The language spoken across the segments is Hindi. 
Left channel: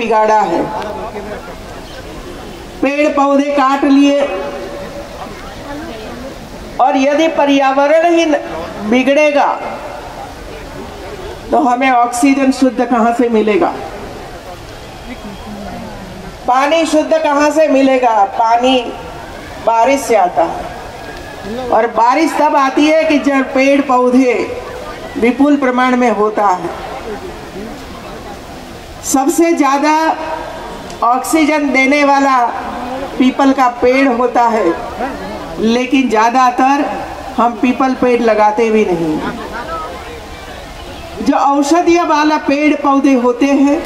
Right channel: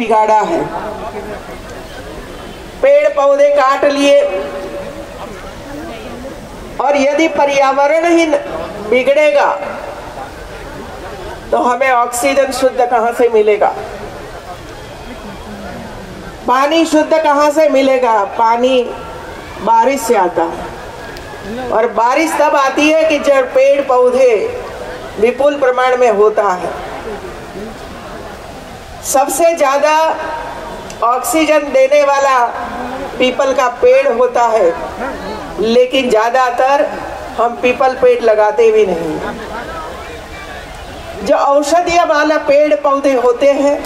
बिगाड़ा है। पेड़ पौधे काट लिए, और यदि पर्यावरण ही बिगड़ेगा तो हमें ऑक्सीजन शुद्ध कहां से मिलेगा, पानी शुद्ध कहां से मिलेगा। पानी बारिश से आता है, और बारिश तब आती है कि जब पेड़ पौधे विपुल प्रमाण में होता है। सबसे ज्यादा ऑक्सीजन देने वाला पीपल का पेड़ होता है, लेकिन ज्यादातर हम पीपल पेड़ लगाते भी नहीं। जो औषधीय वाला पेड़ पौधे होते हैं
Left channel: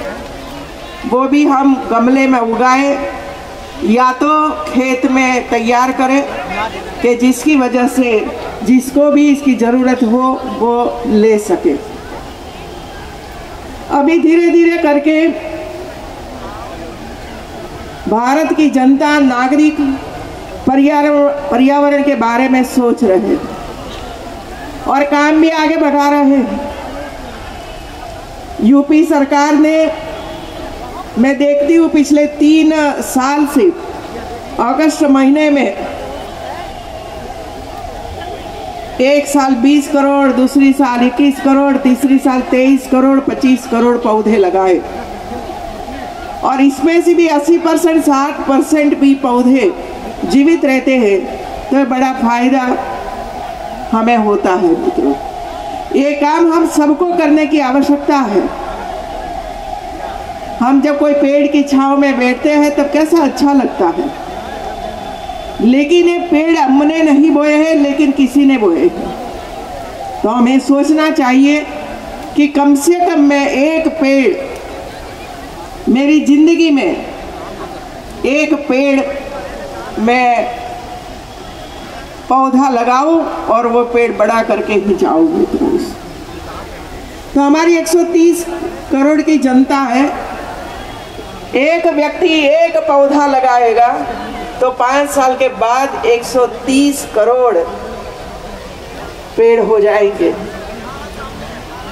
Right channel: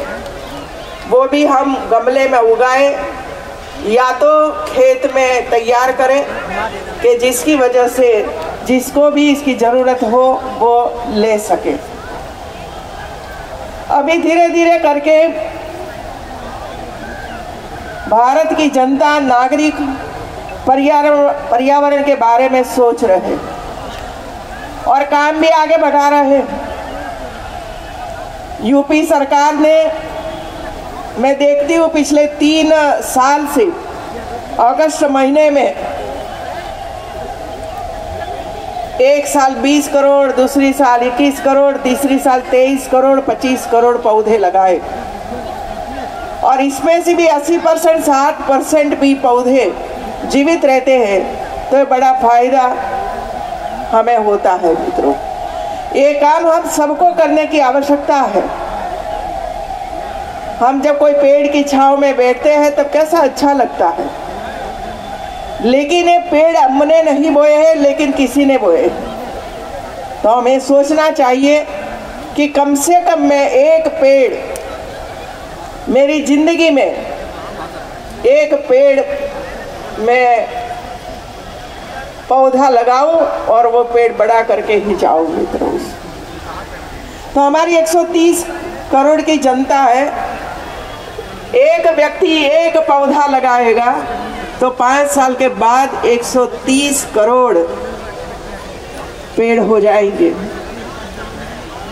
वो भी हम गमले में उगाएं, या तो खेत में तैयार करें कि जिसकी वजह से जिसको भी इसकी जरूरत हो वो ले सके। अभी धीरे धीरे करके भारत की जनता, नागरिक पर्यावरण के बारे में सोच रहे हैं और काम भी आगे बढ़ा रहे हैं। यूपी सरकार ने, मैं देखती हूँ पिछले 3 साल से अगस्त महीने में एक साल 20 करोड़, दूसरी साल 21 करोड़, तीसरी साल 23 करोड़, 25 करोड़ पौधे लगाए, और इसमें से भी 80%, 60% भी पौधे जीवित रहते हैं, तो बड़ा फायदा हमें होता है। मित्रों, ये काम हम सबको करने की आवश्यकता है। हम जब कोई पेड़ की छांव में बैठते हैं तब कैसा अच्छा लगता है, लेकिन ये पेड़ हमने नहीं बोए हैं, लेकिन किसी ने बोए। तो हमें सोचना चाहिए कि कम से कम मैं एक पेड़, मेरी जिंदगी में एक पेड़ मैं पौधा लगाऊं और वो पेड़ बड़ा करके ही जाऊं। मित्रों, तो हमारी 130 करोड़ की जनता है, एक व्यक्ति एक पौधा लगाएगा तो 5 साल के बाद 130 करोड़ पेड़ हो जाएंगे।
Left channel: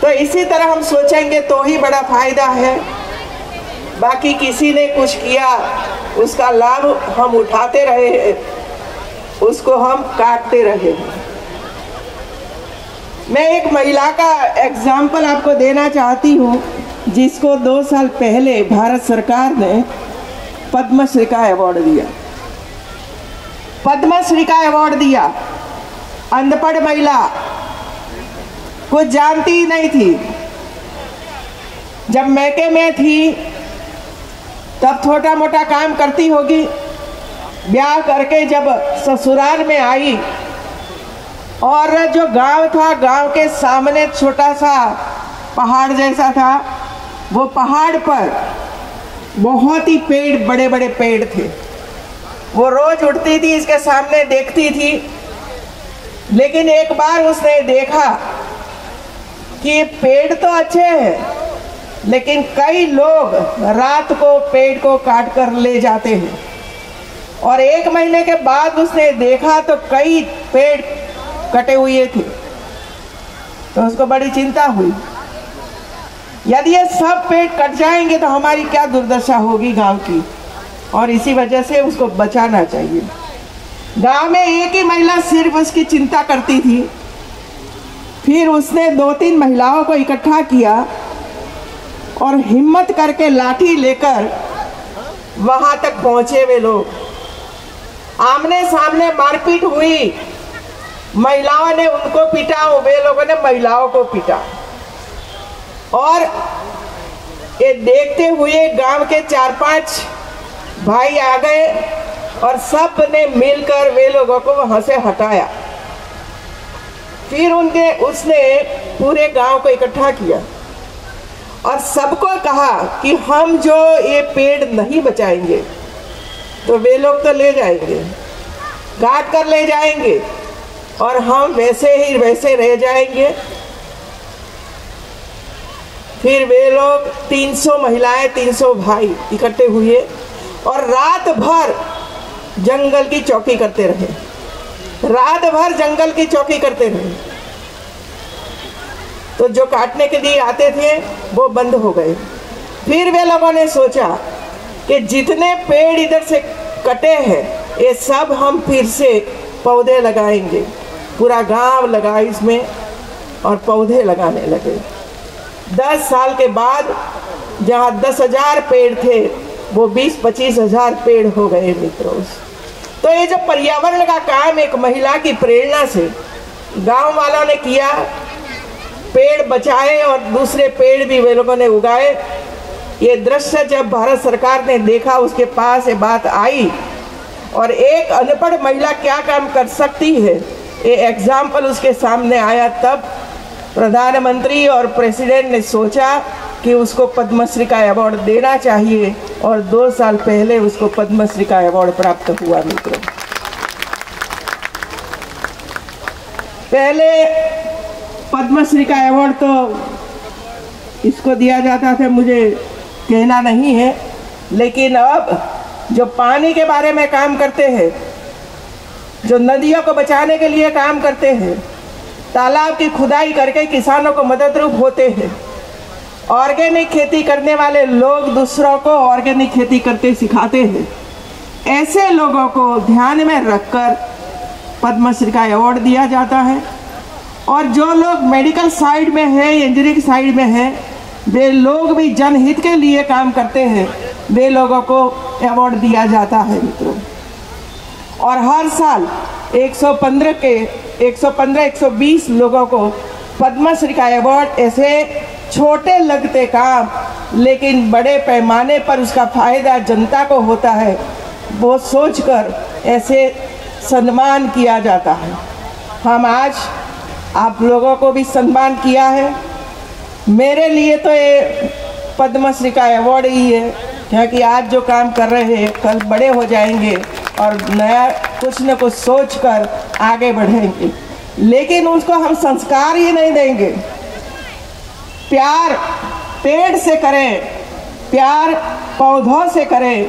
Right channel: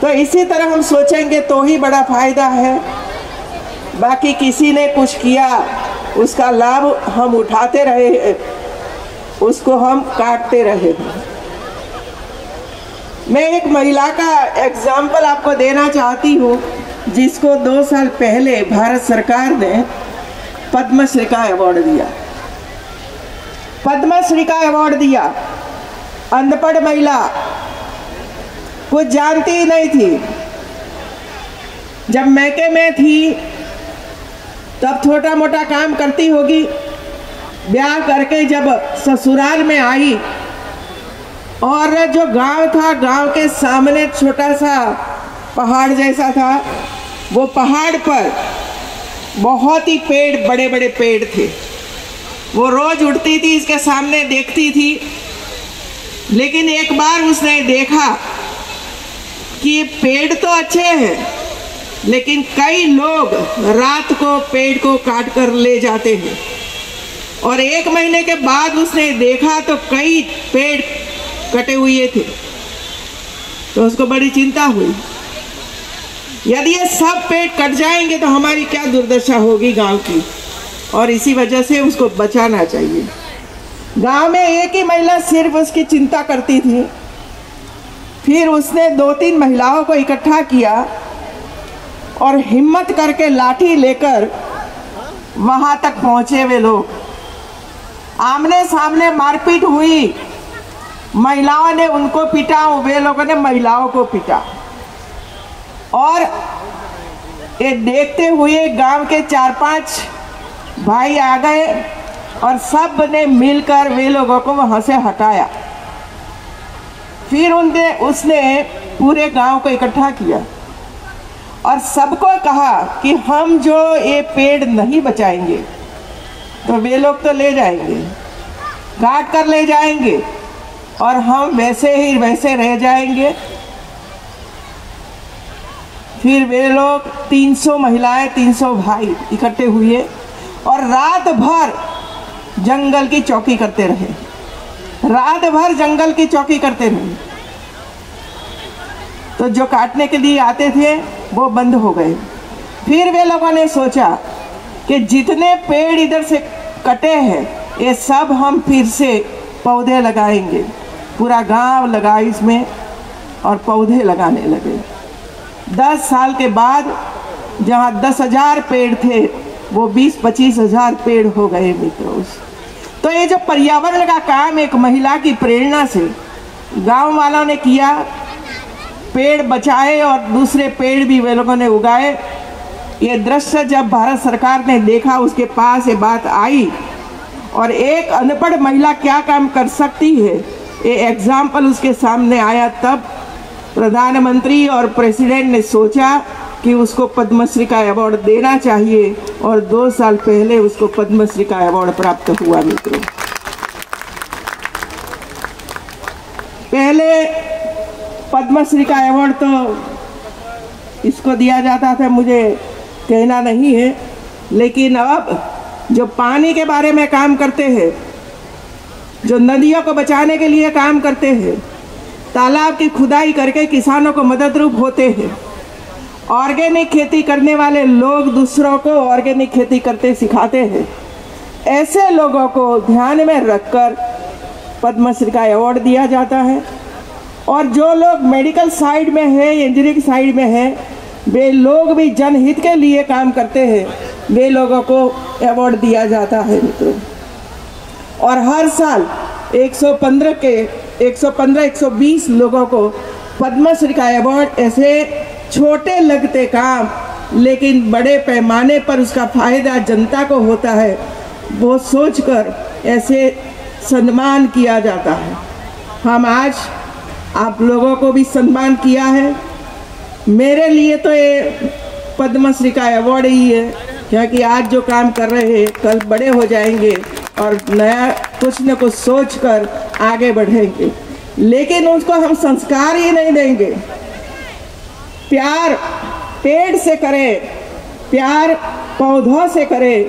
तो इसी तरह हम सोचेंगे तो ही बड़ा फायदा है। बाकी किसी ने कुछ किया, उसका लाभ हम उठाते रहे, उसको हम काटते रहे। मैं एक महिला का एग्जाम्पल आपको देना चाहती हूँ, जिसको 2 साल पहले भारत सरकार ने पद्मश्री का अवार्ड दिया। पद्मश्री का अवार्ड दिया। अनपढ़ महिला, कुछ जानती ही नहीं थी। जब मैके में थी तब छोटा मोटा काम करती होगी। ब्याह करके जब ससुराल में आई, और जो गांव था, गांव के सामने छोटा सा पहाड़ जैसा था, वो पहाड़ पर बहुत ही पेड़, बड़े बड़े पेड़ थे। वो रोज उठती थी, इसके सामने देखती थी, लेकिन एक बार उसने देखा कि पेड़ तो अच्छे हैं, लेकिन कई लोग रात को पेड़ को काट कर ले जाते हैं। और 1 महीने के बाद उसने देखा तो कई पेड़ कटे हुए थे, तो उसको बड़ी चिंता हुई। यदि ये सब पेड़ कट जाएंगे तो हमारी क्या दुर्दशा होगी गांव की, और इसी वजह से उसको बचाना चाहिए। गांव में एक ही महिला सिर्फ उसकी चिंता करती थी। फिर उसने 2-3 महिलाओं को इकट्ठा किया और हिम्मत करके लाठी लेकर वहां तक पहुंचे। वे लोग आमने सामने मारपीट हुई, महिलाओं ने उनको पीटा, वे लोगों ने महिलाओं को पीटा, और ये देखते हुए गांव के 4-5 भाई आ गए और सब ने मिलकर वे लोगों को वहां से हटाया। फिर उसने पूरे गांव को इकट्ठा किया और सबको कहा कि हम जो ये पेड़ नहीं बचाएंगे तो वे लोग तो ले जाएंगे, काट कर ले जाएंगे, और हम वैसे ही वैसे रह जाएंगे। फिर वे लोग 300 महिलाएं, 300 भाई इकट्ठे हुए और रात भर जंगल की चौकी करते रहे। रात भर जंगल की चौकी करते रहे। तो जो काटने के लिए आते थे वो बंद हो गए। फिर वे लोगों ने सोचा कि जितने पेड़ इधर से कटे हैं ये सब हम फिर से पौधे लगाएंगे। पूरा गांव लगा इसमें और पौधे लगाने लगे। 10 साल के बाद जहां 10,000 पेड़ थे वो 20-25 हजार पेड़ हो गए मित्रों। तो ये जो पर्यावरण का काम एक महिला की प्रेरणा से गांव वालों ने किया, पेड़ बचाए और दूसरे पेड़ भी वे लोगों ने उगाए। ये दृश्य जब भारत सरकार ने देखा, उसके पास ये बात आई और एक अनपढ़ महिला क्या काम कर सकती है ये एग्जाम्पल उसके सामने आया, तब प्रधानमंत्री और प्रेसिडेंट ने सोचा कि उसको पद्मश्री का अवार्ड देना चाहिए और 2 साल पहले उसको पद्मश्री का अवार्ड प्राप्त हुआ मित्रों। पहले पद्मश्री का अवार्ड तो इसको दिया जाता था, मुझे कहना नहीं है, लेकिन अब जो पानी के बारे में काम करते हैं, जो नदियों को बचाने के लिए काम करते हैं, तालाब की खुदाई करके किसानों को मददरूप होते हैं, ऑर्गेनिक खेती करने वाले लोग दूसरों को ऑर्गेनिक खेती करते सिखाते हैं, ऐसे लोगों को ध्यान में रखकर पद्मश्री का अवार्ड दिया जाता है। और जो लोग मेडिकल साइड में है, इंजीनियरिंग साइड में है, वे लोग भी जनहित के लिए काम करते हैं, वे लोगों को अवार्ड दिया जाता है मित्रों। और हर साल 115-120 लोगों को पद्मश्री का अवार्ड ऐसे छोटे लगते काम लेकिन बड़े पैमाने पर उसका फायदा जनता को होता है, वो सोचकर ऐसे सम्मान किया जाता है। हम आज आप लोगों को भी सम्मान किया है। मेरे लिए तो ये पद्मश्री का अवार्ड ही है, क्योंकि आज जो काम कर रहे हैं कल बड़े हो जाएंगे और नया कुछ न कुछ सोचकर आगे बढ़ेंगे। लेकिन उसको हम संस्कार ही नहीं देंगे। प्यार पेड़ से करें, प्यार पौधों से करें,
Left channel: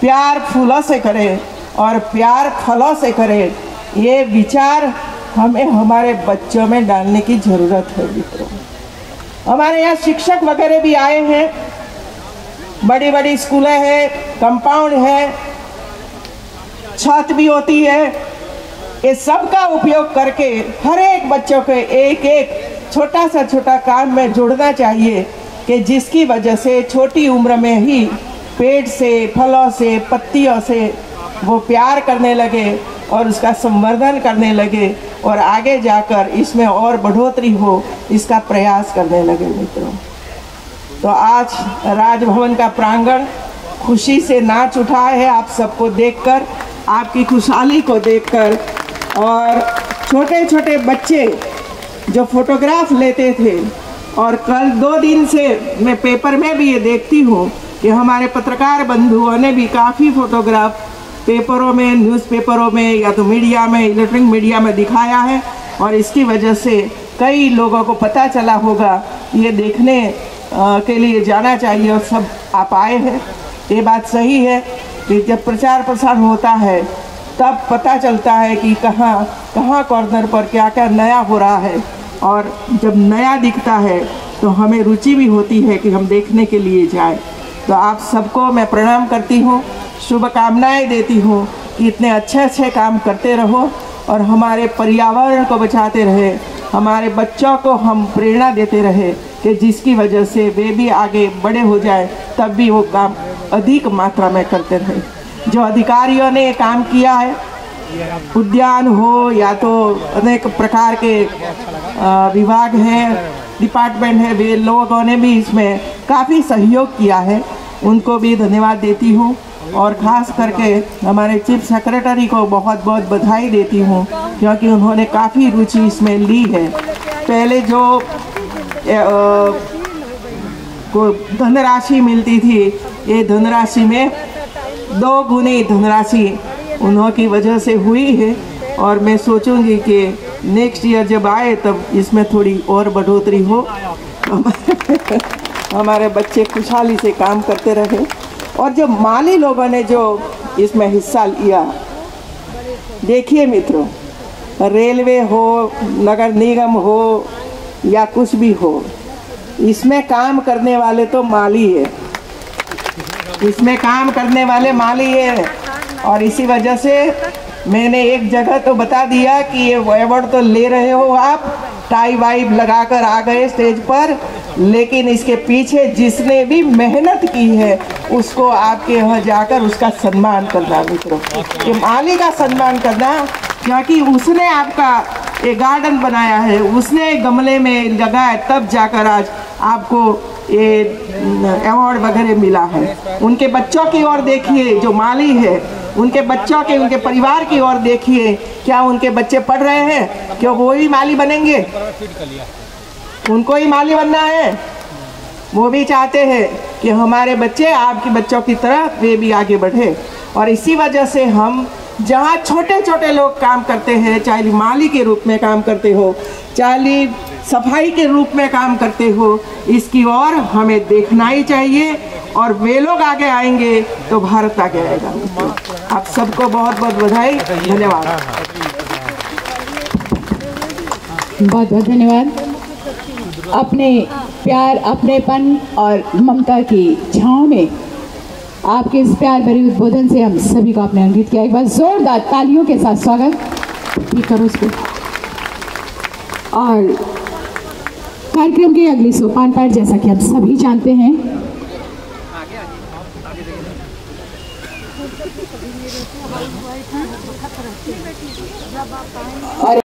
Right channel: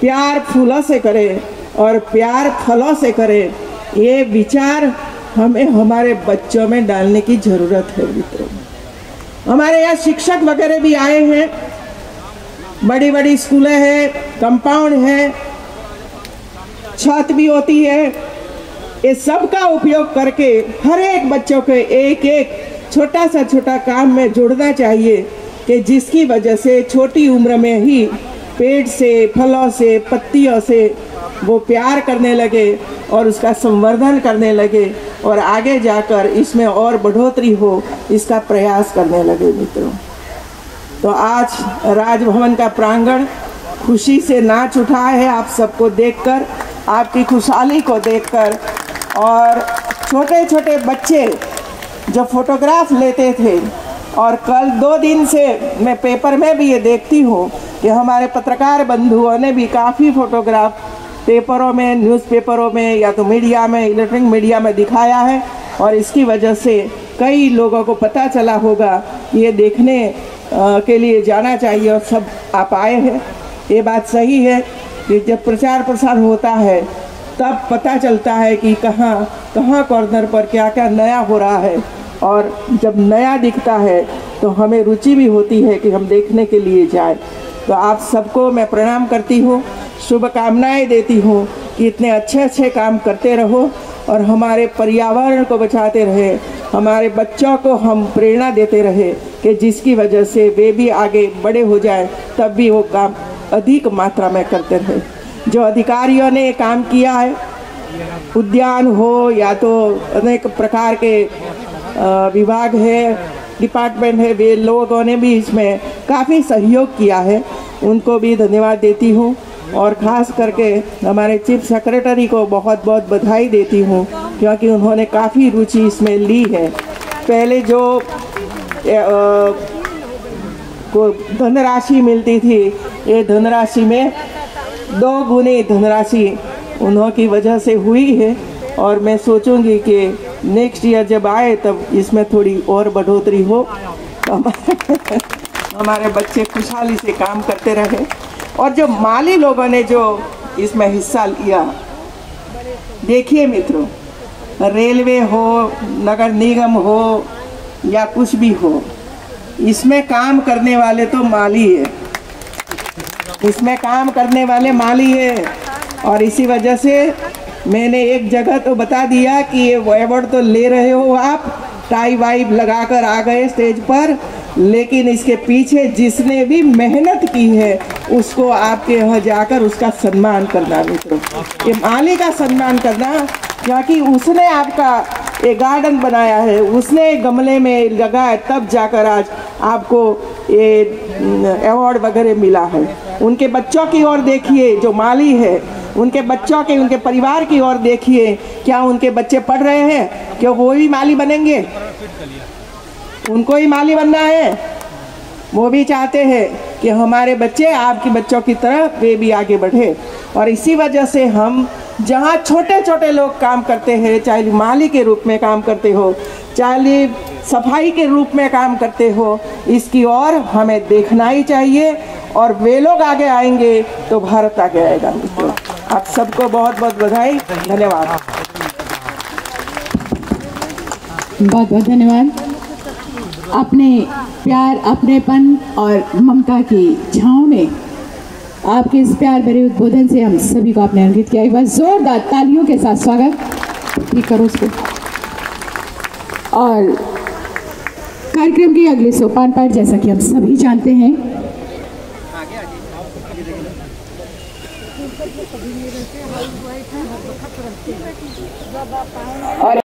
प्यार फूलों से करें और प्यार फलों से करें, ये विचार हमें हमारे बच्चों में डालने की जरूरत है मित्रों। हमारे यहाँ शिक्षक वगैरह भी आए हैं, बड़ी बड़ी स्कूलें हैं, कंपाउंड है, छत भी होती है। ये सब का उपयोग करके हर एक बच्चों के एक एक छोटा सा छोटा काम में जुड़ना चाहिए कि जिसकी वजह से छोटी उम्र में ही पेड़ से, फलों से, पत्तियों से वो प्यार करने लगे और उसका संवर्धन करने लगे और आगे जाकर इसमें और बढ़ोतरी हो, इसका प्रयास करने लगे मित्रों। तो आज राजभवन का प्रांगण खुशी से नाच उठा है आप सबको देखकर, आपकी खुशहाली को देखकर। और छोटे छोटे बच्चे जो फोटोग्राफ लेते थे, और कल 2 दिन से मैं पेपर में भी ये देखती हूँ कि हमारे पत्रकार बंधुओं ने भी काफ़ी फोटोग्राफ पेपरों में, न्यूज़पेपरों में या तो मीडिया में, इलेक्ट्रॉनिक मीडिया में दिखाया है। और इसकी वजह से कई लोगों को पता चला होगा, ये देखने के लिए जाना चाहिए और सब आप आए हैं। ये बात सही है कि जब प्रचार प्रसार होता है तब पता चलता है कि कहाँ कहाँ कॉर्नर पर क्या क्या नया हो रहा है, और जब नया दिखता है तो हमें रुचि भी होती है कि हम देखने के लिए जाएं। तो आप सबको मैं प्रणाम करती हूँ, शुभकामनाएं देती हूँ कि इतने अच्छे अच्छे काम करते रहो और हमारे पर्यावरण को बचाते रहे, हमारे बच्चों को हम प्रेरणा देते रहे कि जिसकी वजह से वे भी आगे बड़े हो जाएं, तब भी वो काम अधिक मात्रा में करते रहे। जो अधिकारियों ने काम किया है, उद्यान हो या तो अनेक प्रकार के विभाग है, डिपार्टमेंट है, वे लोगों ने भी इसमें काफ़ी सहयोग किया है, उनको भी धन्यवाद देती हूँ। और ख़ास करके हमारे चीफ सेक्रेटरी को बहुत बहुत बधाई देती हूँ, क्योंकि उन्होंने काफ़ी रुचि इसमें ली है। पहले जो धनराशि मिलती थी, ये धनराशि में 2 गुनी धनराशि उन्हों की वजह से हुई है, और मैं सोचूंगी कि नेक्स्ट ईयर जब आए तब इसमें थोड़ी और बढ़ोतरी हो, हमारे बच्चे खुशहाली से काम करते रहे। और जो माली लोगों ने जो इसमें हिस्सा लिया, देखिए मित्रों, रेलवे हो, नगर निगम हो या कुछ भी हो, इसमें काम करने वाले तो माली है, इसमें काम करने वाले माली हैं। और इसी वजह से मैंने एक जगह तो बता दिया कि ये अवार्ड तो ले रहे हो आप, टाई वाई लगाकर आ गए स्टेज पर, लेकिन इसके पीछे जिसने भी मेहनत की है उसको आपके यहाँ जाकर उसका सम्मान करना मित्रों, ये माली का सम्मान करना, क्योंकि उसने आपका ये गार्डन बनाया है, उसने गमले में लगाया, तब जाकर आज आपको ये अवार्ड वगैरह मिला है। उनके बच्चों की ओर देखिए, जो माली है उनके बच्चों के, उनके परिवार की ओर देखिए, क्या उनके बच्चे पढ़ रहे हैं? क्या वो भी माली बनेंगे? उनको ही माली बनना है। वो भी चाहते हैं कि हमारे बच्चे आपके बच्चों की तरह वे भी आगे बढ़े। और इसी वजह से हम जहाँ छोटे छोटे लोग काम करते हैं, चाहे माली के रूप में काम करते हो, चाहे सफाई के रूप में काम करते हो, इसकी ओर हमें देखना ही चाहिए। और वे लोग आगे आएंगे तो भारत आगे आएगा। आप सबको बहुत बहुत बधाई, धन्यवाद। बहुत बहुत धन्यवाद। अपने प्यार, अपनेपन और ममता की छांव में आपके इस प्यार भरे उद्बोधन से हम सभी को आपने अंकित किया। एक बार जोरदार तालियों के साथ स्वागत ठीक करो उसको। और कार्यक्रम के अगले सोपान पर, जैसा कि हम सभी जानते हैं,